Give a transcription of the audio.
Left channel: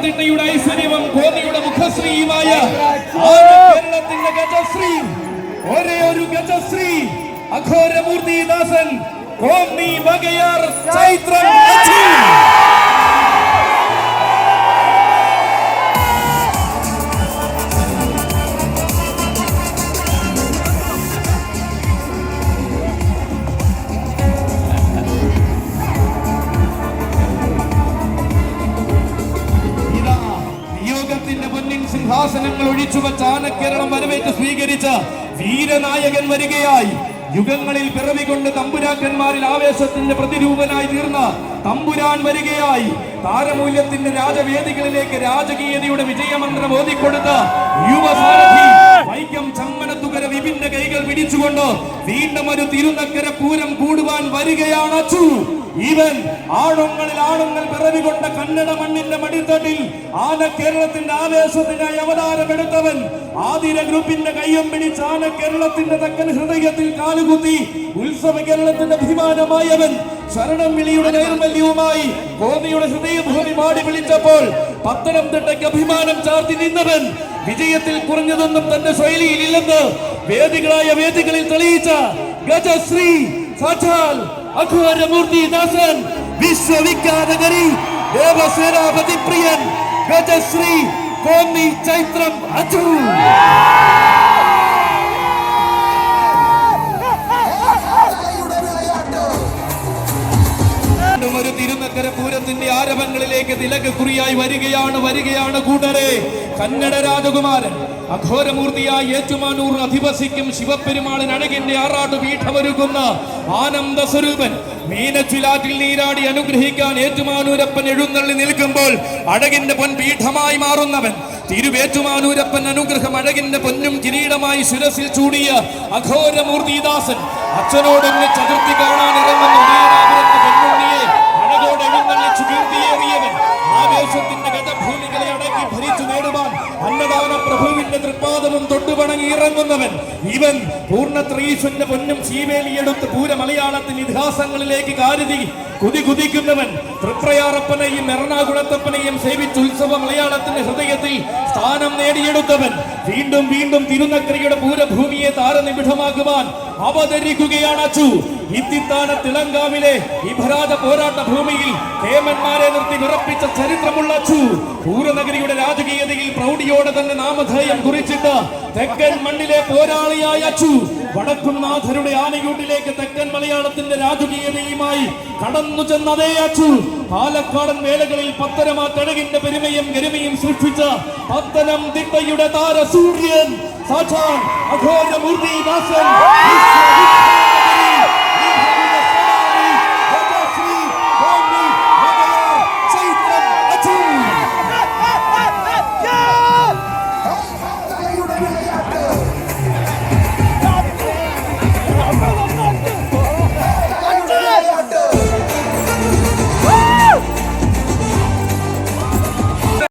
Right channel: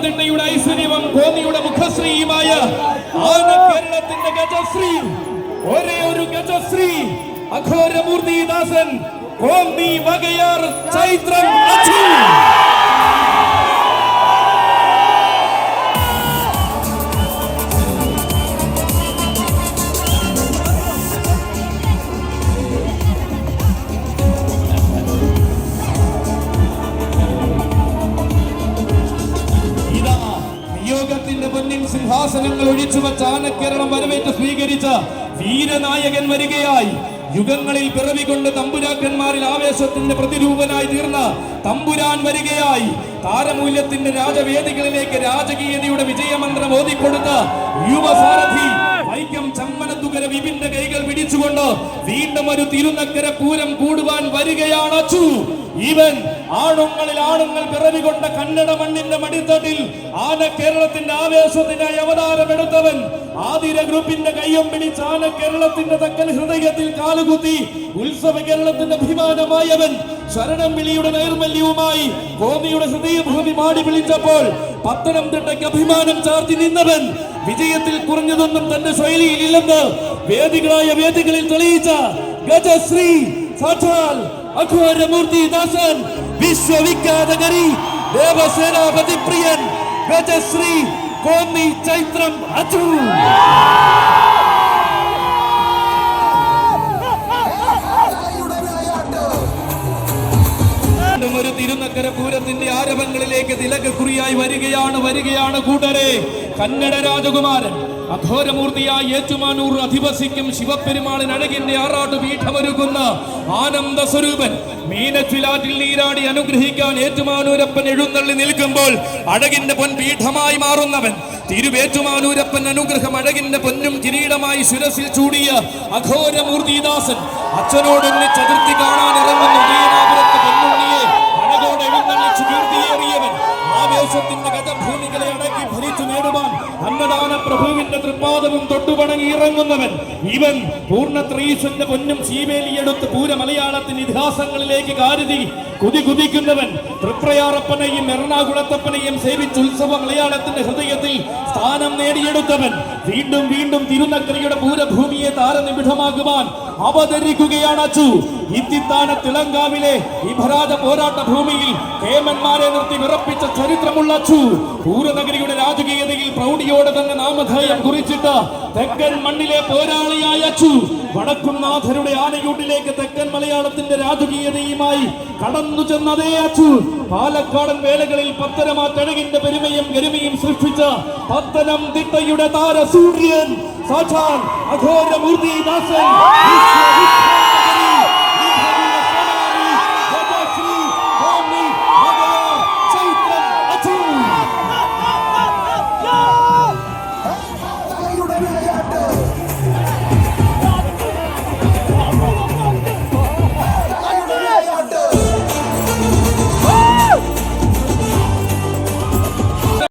ഐശ്വര്യവും കോന്നിയുടെ മുഖശ്രീയുമായ കേരളത്തിന്റെ ഗജശ്രീ, ഒരേ ഒരു ഗജശ്രീ അഘോരമൂർത്തിദാസൻ കോന്നി വകയാർ ചൈത്രം. പൊന്നിൻ സിംഹാസനങ്ങൾ ഒഴിച്ചുവെച്ച ആനക്കേരളം വരവേറ്റ് സ്വീകരിച്ച വീരനായകൻ വരികയായി. യുഗങ്ങളിൽ പിറവികൊണ്ട് തമ്പുരാക്കന്മാരിൽ ആവേശത്തിന്റെ പ്രതിരൂപനായി തീർന്ന തമ്പുരാൻ വരികയായി. താരമൂല്യത്തിന്റെ രാജവേദികളിലേക്ക് രാജകീയതയുടെ വിജയമന്ത്രം ഓതിക്കൊടുത്ത യുവസാരഥി വൈക്കം ചമ്മനത്തുകര വിപിന്റെ കൈകൾ പിടിച്ചുകൊണ്ട് വീണ്ടും ഒരു തിരുനക്കര പൂരം കൂടുവാൻ വരികയാണ് അച്ചു. ഇവൻ ആണുങ്ങളിൽ ആണുങ്ങൾ പിറവികൊണ്ട കന്നഡ മണ്ണിന്റെ മടിത്തട്ടിൽ ആന കേരളത്തിന്റെ ആവേശത്തിനായി അവതാരമെടുത്തവൻ. ആതിര ഗ്രൂപ്പിന്റെ കയ്യം പിടിച്ച് ആന കേരളത്തിന്റെ തെക്കൻ ഹൃദയത്തിൽ കാലുകുത്തി ഉത്സവ കേരളത്തിന്റെ അഭിമാനമായവൻ. ശരണം വിളിയുടെ നൈർമല്യവുമായി കോന്നിയുടെ ഹൃദയഭൂമി മാടി വിളിച്ചപ്പോൾ പത്തനംതിട്ടയ്ക്ക് അഭിമാനം ചാർത്തി നിന്നവൻ. വിജയത്തിൽ കുറഞ്ഞതൊന്നും തന്റെ ശൈലിയിൽ ഇല്ലെന്ന് വേദികളായ വേദികളിൽ തെളിയിച്ച ഗജശ്രീ സാക്ഷാൽ അഘോരമൂർത്തിദാസൻ, വിശ്വവിഖ്യാത കരി ദേവസേനാപതി പ്രിയൻ ഗജശ്രീ കോന്നി ചൈത്രം അച്ചു. ഒരു തിരുനക്കര പൂരത്തിന്റെ ആരവങ്ങളിലേക്ക് തിലകക്കുറിയായി വരികയാണ് കൂട്ടരെ. കന്നഡ രാജകുമാരൻ അഘോരമൂർത്തിയായി ഏറ്റുമാനൂർ അധിവസിക്കും ശിവപെരുമാളിന് അഴകിന്റെ ആറാട്ട് പീഠമൊരുക്കുന്ന ആനന്ദ സ്വരൂപൻ. മീനച്ചിലാറ്റിൽ നീരാടി അനുഗ്രഹിക്കാൻ ഏറ്റുമാനൂരപ്പൻ എഴുന്നള്ളി നിൽക്കുമ്പോൾ അഴകിന്റെ പൊൻപീഠമായി മാറുന്നവൻ. തിരുവേറ്റുമാനൂരപ്പൻ അനുഗ്രഹം അഴകിന്റെ പൊന്നും കിരീടമായി ശിരസിൽ ചൂടിയ അഘോരമൂർത്തിദാസൻ അച്ഛനോടൊന്ന് ചതുർത്ഥി കാണാൻ ഇറങ്ങുന്ന ഉദയനാപുരത്ത് പൊന്നുണ്ണിയെ അഴകോടെ എഴുന്നള്ളിച്ചു കീർത്തിയേറിയവൻ. ആവേശത്തിന്റെ ഗജഭൂമികളെ അടക്കി ഭരിച്ചു നേടുവാൻ അന്നദാന പ്രഭുവിന്റെ തൃപ്പാദവും തൊട്ടുപണങ്ങി ഇറങ്ങുന്നവൻ. ഇവൻ പൂർണ്ണത്രയീശ്വരന്റെ പൊന്നും ശീവേലിയെടുത്ത് പൂര മലയാളത്തിന്റെ ഇതിഹാസങ്ങളിലേക്ക് കാരുതി കുതിക്കുന്നവൻ. തൃപ്രയാറപ്പനെയും എറണാകുളത്തപ്പനെയും സേവിച്ച് ഉത്സവ മലയാളത്തിന്റെ ഹൃദയത്തിൽ സ്ഥാനം നേടിയെടുത്തവൻ. വീണ്ടും വീണ്ടും തിരുനക്കരയുടെ പൂരഭൂമിയെ താരനിബിഡമാക്കുവാൻ അവതരിക്കുകയാണ് അച്ചു. ഇത്തിത്താന തിളങ്കാവിലെ ഇഭരാജ പോരാട്ട ഭൂമിയിൽ കേമന്മാരെ നിർത്തി വിറപ്പിച്ച ചരിത്രമുള്ള അച്ചു. പൂരനഗരിയുടെ രാജകീയതയിൽ പ്രൗഢിയോടെ തന്നെ നാമധേയം കുറിച്ചിട്ട് തെക്കൻ മണ്ണിലെ പോരാളിയായ അച്ചു. വടക്കുംനാഥരുടെ ആനയൂട്ടിലേക്ക് തെക്കൻ മലയാളത്തിന്റെ രാജകീയതയുമായി കടന്നു ചെന്നതേ അച്ചു. പാലക്കാടൻ വേലകളിൽ പത്തനമാറ്റഴകിന്റെ പെരുമയും ഗരിമയും സൃഷ്ടിച്ച പത്തനംതിട്ടയുടെ താരസൂര്യൻ സാക്ഷാൽ അഘോരമൂർത്തിദാസൻ.